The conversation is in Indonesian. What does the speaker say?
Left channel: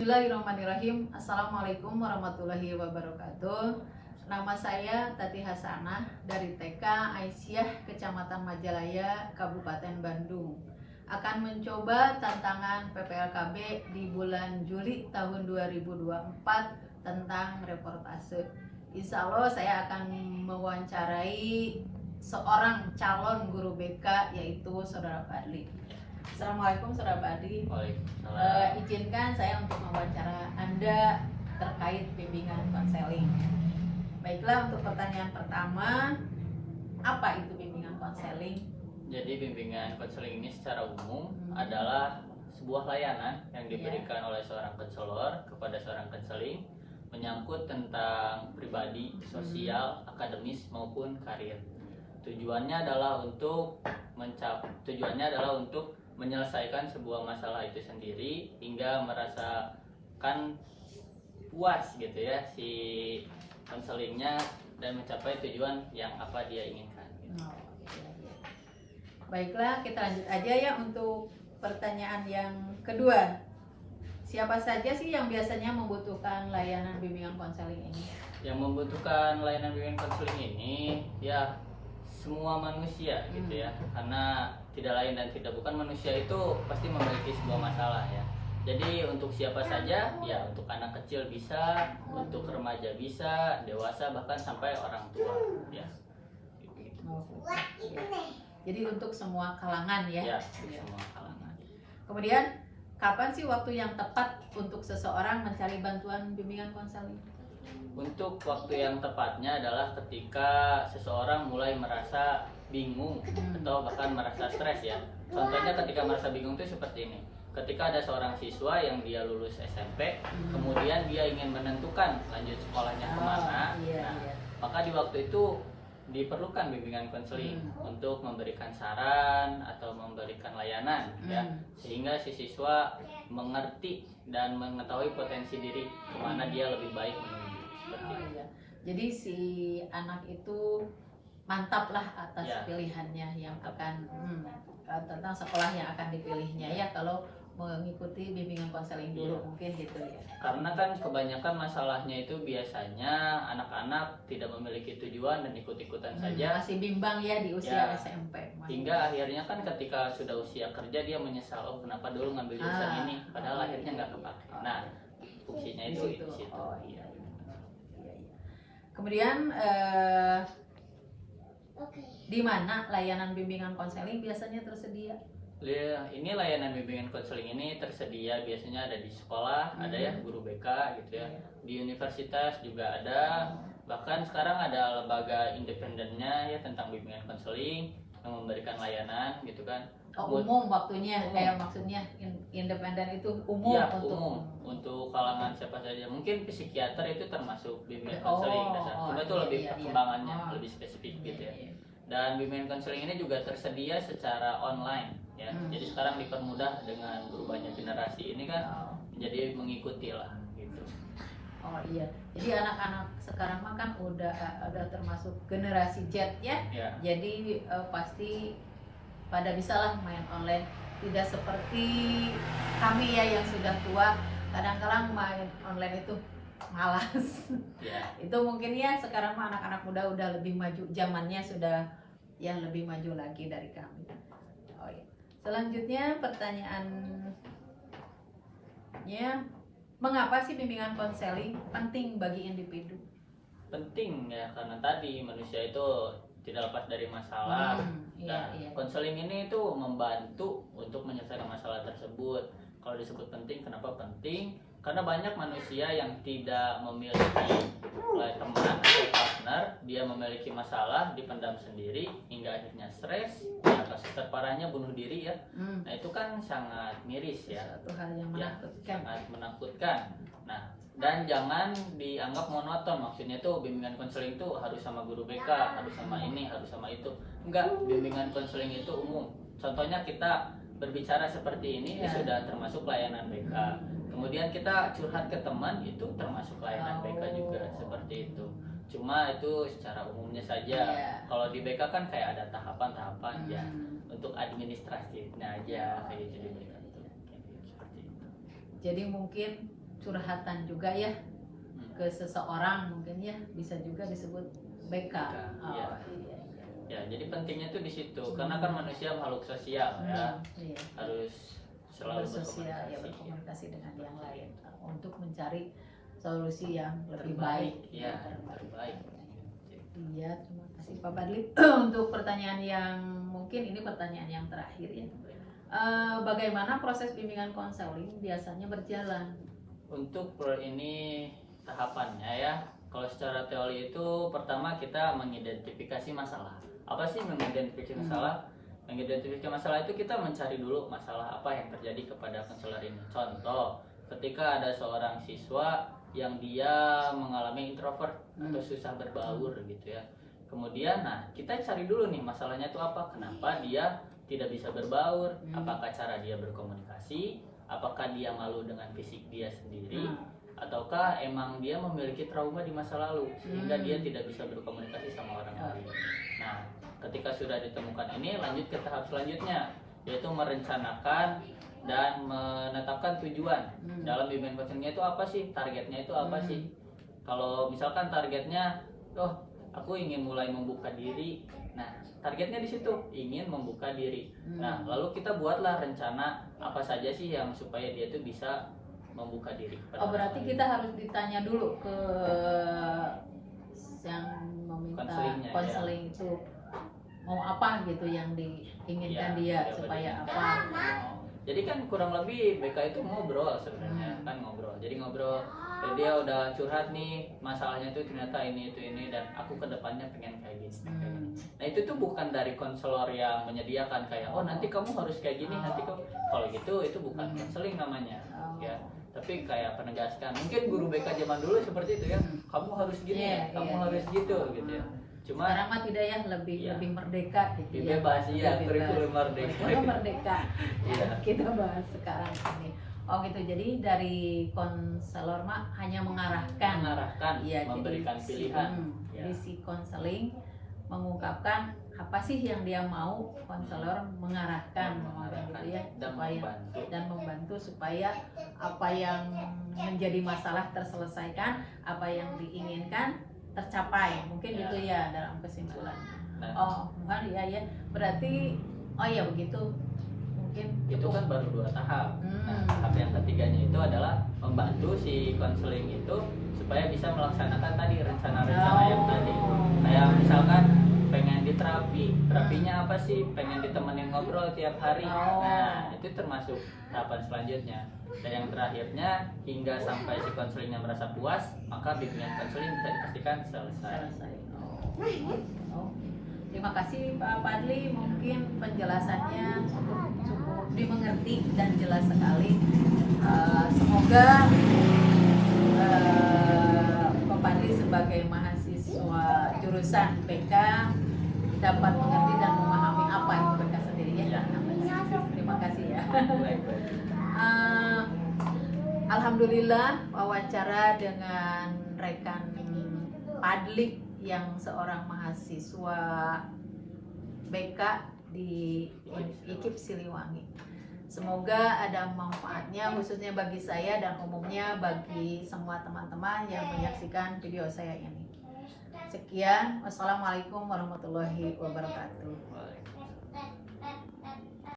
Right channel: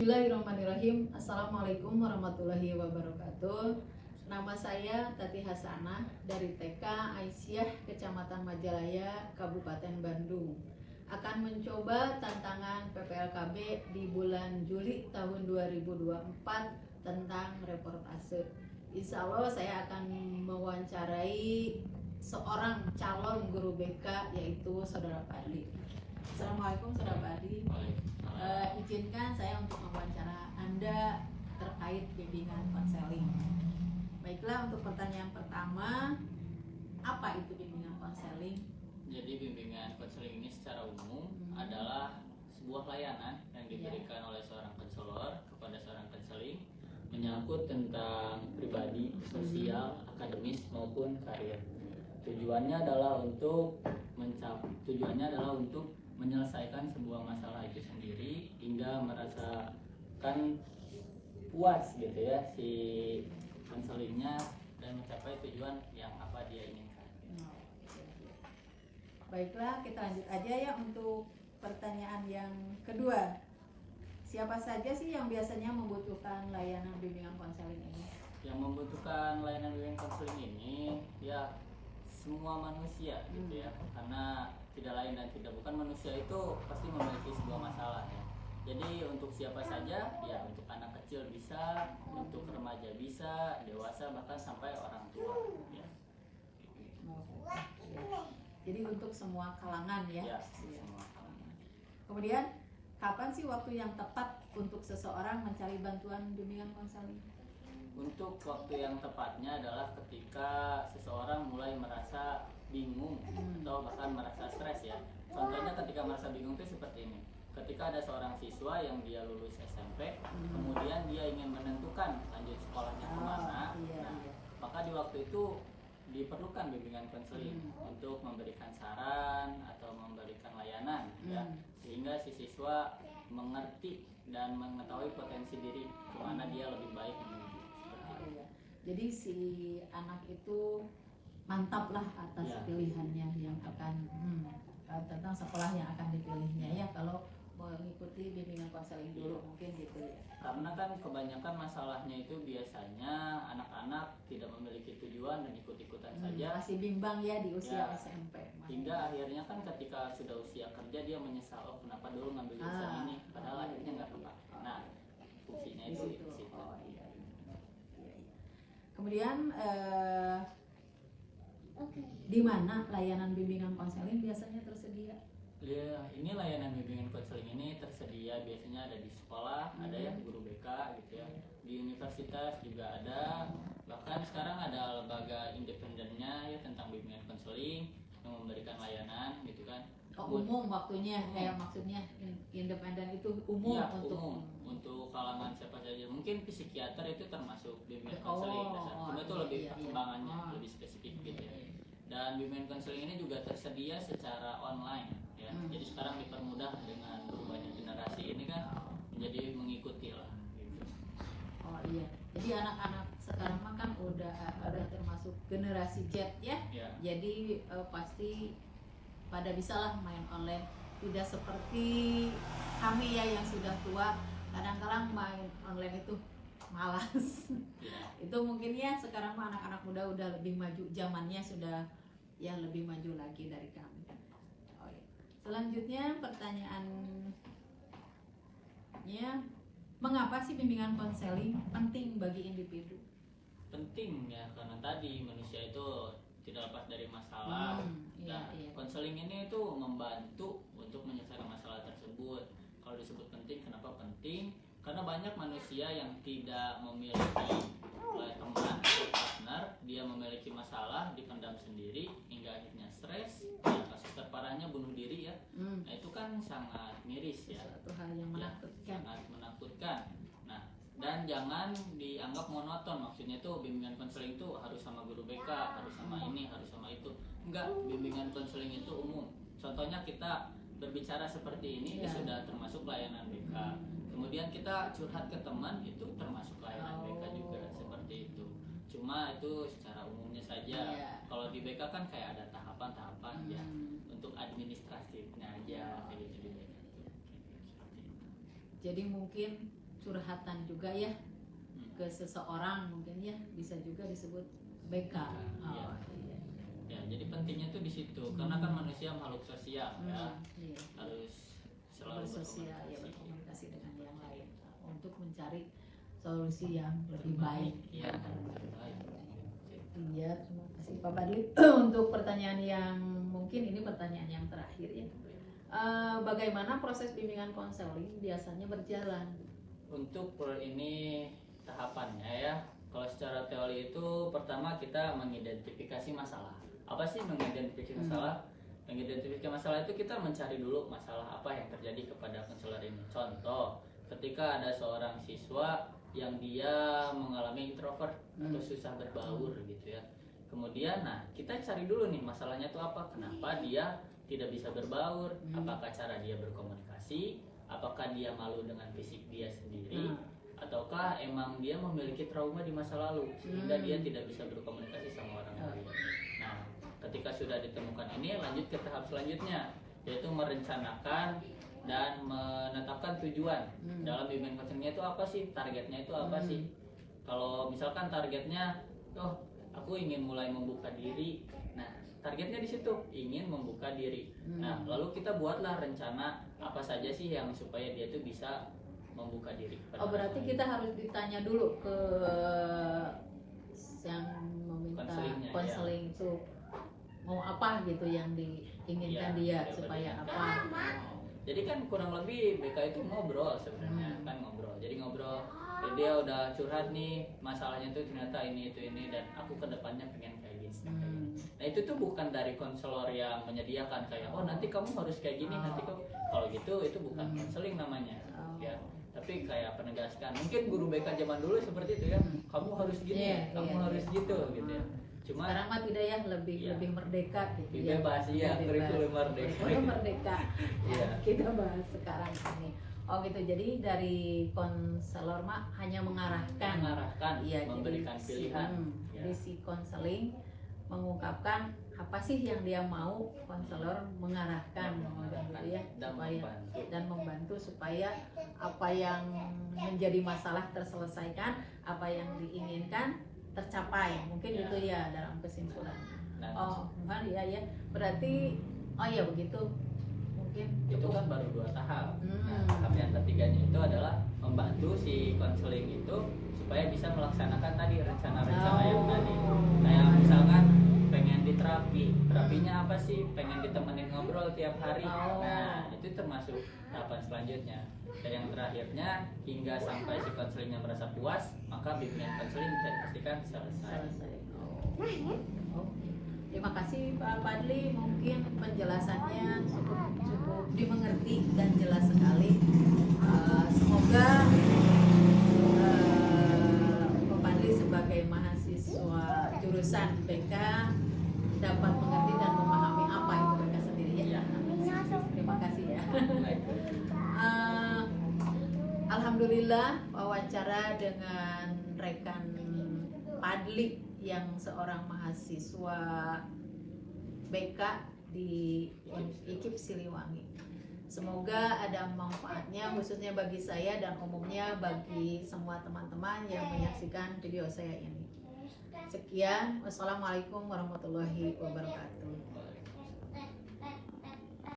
Bismillahirrahmanirrahim. Assalamualaikum warahmatullahi wabarakatuh. Nama saya Tati Hasanah dari TK Aisyah, Kecamatan Majalaya, Kabupaten Bandung. Akan mencoba tantangan PPLKB di bulan Juli tahun 2024 tentang reportase. Insya Allah saya akan mewawancarai seorang calon guru BK, yaitu Saudara Fadli. Assalamualaikum Saudara Fadli. Izinkan saya untuk mewawancara Anda terkait bimbingan konseling. Baiklah, untuk pertanyaan pertama, apa itu bimbingan konseling? Jadi bimbingan konseling ini secara umum adalah sebuah layanan yang diberikan oleh seorang konselor kepada seorang konseling menyangkut tentang pribadi, sosial, akademis maupun karir. Tujuannya adalah untuk menyelesaikan sebuah masalah itu sendiri hingga merasakan puas gitu ya si konselingnya dan mencapai tujuan yang apa dia inginkan. Baiklah, kita lanjut aja ya untuk pertanyaan yang kedua. Siapa saja sih yang biasanya membutuhkan layanan bimbingan konseling ini? Yang membutuhkan layanan bimbingan konseling ini ya semua manusia gitu ya, karena tidak lain dan tidak bukan manusia itu pasti memiliki sebuah masalah ya. Jadi untuk siapa saja ya, untuk anak kecil bisa, untuk remaja bisa, dewasa bahkan sampai orang tua ya. Jadi untuk semua kalangan ya. Ya, semua kalangan. Kemudian kapan sih waktu yang tepat untuk seseorang mencari bantuan bimbingan konseling? Untuk waktu yang tepatnya adalah ketika seseorang mulai merasa bingung atau bahkan merasa stres ya. Contohnya ketika merasa bingung itu seperti ini. Ketika ada seorang siswa yang dia lulus SMP, kemudian dia ingin menentukan lanjut sekolahnya kemana, maka di waktu itu diperlukan bimbingan konseling untuk memberikan saran atau memberikan layanan ya, sehingga si siswa mengerti dan mengetahui potensi diri kemana dia lebih baik menuju. Jadi si anak itu mantap lah atas pilihannya yang akan tentang sekolah yang akan dipilihnya ya, kalau mengikuti bimbingan konseling dulu mungkin gitu ya. Karena kan kebanyakan masalahnya itu biasanya anak-anak tidak memiliki tujuan dan ikut-ikutan saja. Masih bimbang ya di usia SMP. Hingga akhirnya kan ketika sudah usia kerja dia menyesal, oh kenapa dulu ngambil jurusan ini, padahal akhirnya nggak kepake. Nah fungsinya itu di situ. Iya. Kemudian di mana layanan bimbingan konseling biasanya tersedia? Ini layanan bimbingan konseling ini tersedia biasanya ada di sekolah, ada ya guru BK gitu ya. Di universitas juga ada. Bahkan sekarang ada lembaga independennya ya tentang bimbingan konseling yang memberikan layanan gitu kan. Umum waktunya, kayak maksudnya independen itu umum ya, untuk kalangan siapa saja. Mungkin psikiater itu termasuk bimbingan konseling cuma itu lebih perkembangannya lebih spesifik gitu ya. Dan bimbingan konseling ini juga tersedia secara online ya. Jadi sekarang dipermudah dengan berubahnya generasi ini kan, jadi mengikuti lah gitu. Oh iya. Jadi anak-anak sekarang mah kan udah termasuk generasi Z ya. Jadi pasti pada bisalah main online. Tidak seperti kami ya yang sudah tua, kadang-kadang main online itu malas. Itu mungkin ya sekarang mah anak-anak muda udah lebih maju, zamannya sudah ya lebih maju lagi dari kami. Oh iya. Selanjutnya pertanyaannya, mengapa sih bimbingan konseling penting bagi individu? Penting ya karena tadi manusia itu tidak lepas dari masalah. Konseling ini itu membantu untuk menyelesaikan masalah tersebut. Kalau disebut penting, kenapa penting? Karena banyak manusia yang tidak memiliki teman atau partner, dia memiliki masalah, dipendam sendiri hingga akhirnya stres. Nah, kasus terparahnya bunuh diri ya. Nah itu kan sangat miris ya. Satu hal yang menakutkan. Sangat menakutkan. Nah dan jangan dianggap monoton, maksudnya tuh bimbingan konseling itu harus sama guru BK, harus sama ini, harus sama itu. Enggak, bimbingan konseling itu umum. Contohnya kita berbicara seperti ini sudah termasuk layanan BK. Kemudian kita curhat ke teman itu termasuk layanan BK juga seperti itu. Cuma itu secara umumnya saja. Kalau di BK kan kayak ada tahapan-tahapan ya untuk administratifnya aja kayak gitu. Jadi mungkin curhatan juga ya ke seseorang, mungkin ya bisa juga disebut BK. Oh, Ya. iya. Ya, jadi pentingnya tuh di situ karena kan manusia makhluk sosial ya, Iya. harus selalu Bersosial ya, berkomunikasi dengan yang lain untuk mencari solusi yang lebih baik. ya, terbaik. Iya, terima kasih Pak Badli untuk pertanyaan yang mungkin ini pertanyaan yang terakhir ya. Bagaimana proses bimbingan konseling biasanya berjalan? Untuk ini tahapannya ya, kalau secara teori itu pertama kita mengidentifikasi masalah. Apa sih mengidentifikasi masalah? Mengidentifikasi masalah itu kita mencari dulu masalah apa yang terjadi kepada konselor ini. Contoh, ketika ada seorang siswa yang dia mengalami introvert atau susah berbaur gitu ya. Kemudian kita cari dulu nih masalahnya itu apa? Kenapa dia tidak bisa berbaur? Apakah cara dia berkomunikasi? Apakah dia malu dengan fisik dia sendiri? Ataukah emang dia memiliki trauma di masa lalu sehingga dia tidak bisa berkomunikasi sama orang lain? Nah, ketika sudah ditemukan ini, lanjut ke tahap selanjutnya, yaitu merencanakan dan menetapkan tujuan. Dalam bimbingan konselingnya itu apa sih? Targetnya itu apa sih? Kalau misalkan targetnya, aku ingin mulai membuka diri. Nah, targetnya di situ ingin membuka diri. Nah, lalu kita buatlah rencana apa saja sih yang supaya dia itu bisa membuka diri. Berarti kita harus ditanya dulu ke yang meminta konseling itu mau apa gitu yang diinginkan dia supaya apa. Jadi kan kurang lebih BK itu ngobrol sebenarnya, kan ngobrol. Jadi ngobrol, dia udah curhat nih masalahnya tuh ternyata ini dan aku kedepannya pengen kayak gini. Nah itu tuh bukan dari konselor yang menyediakan kayak nanti kamu harus kayak gini, nanti kamu kalau gitu itu bukan konseling namanya, ya. Tapi kayak penegaskan. Mungkin guru BK zaman dulu seperti itu ya, kamu harus gini, kamu harus gitu ya. Cuma sekarang mah tidak ya, lebih merdeka gitu ya. Bebas ya, kurikulum merdeka. Kurikulum merdeka. Kita bahas sekarang ini. Oh gitu. Jadi dari konselor mah hanya mengarahkan, ya, memberikan pilihan. Jadi si konseling mengungkapkan apa sih yang dia mau, konselor mengarahkan gitu ya, dan membantu supaya apa yang menjadi masalah terselesaikan, apa yang diinginkan tercapai, mungkin gitu ya dalam kesimpulannya. Ya berarti ya begitu, mungkin itu kan baru 2 tahap. Tahap yang ketiganya itu adalah membantu si konseling itu supaya bisa melaksanakan tadi rencana-rencana yang tadi. Kayak misalkan pengen terapinya apa sih? Pengen ditemenin ngobrol tiap hari. Nah, itu termasuk tahapan selanjutnya. Dan yang terakhirnya, hingga sampai si konselingnya merasa puas, maka bimbingan konseling bisa dipastikan selesai. Terima kasih Pak Padli, mungkin penjelasannya cukup dimengerti dan jelas sekali. Semoga Pak Padli sebagai mahasiswa jurusan BK dapat mengerti dan memahami apa itu BK sendiri ya. Terima kasih ya. Alhamdulillah wawancara dengan rekan Padli yang seorang mahasiswa BK di IKIP Siliwangi. Semoga ada manfaatnya khususnya bagi saya dan umumnya bagi semua teman-teman yang menyaksikan video saya ini. Sekian, wassalamualaikum warahmatullahi wabarakatuh.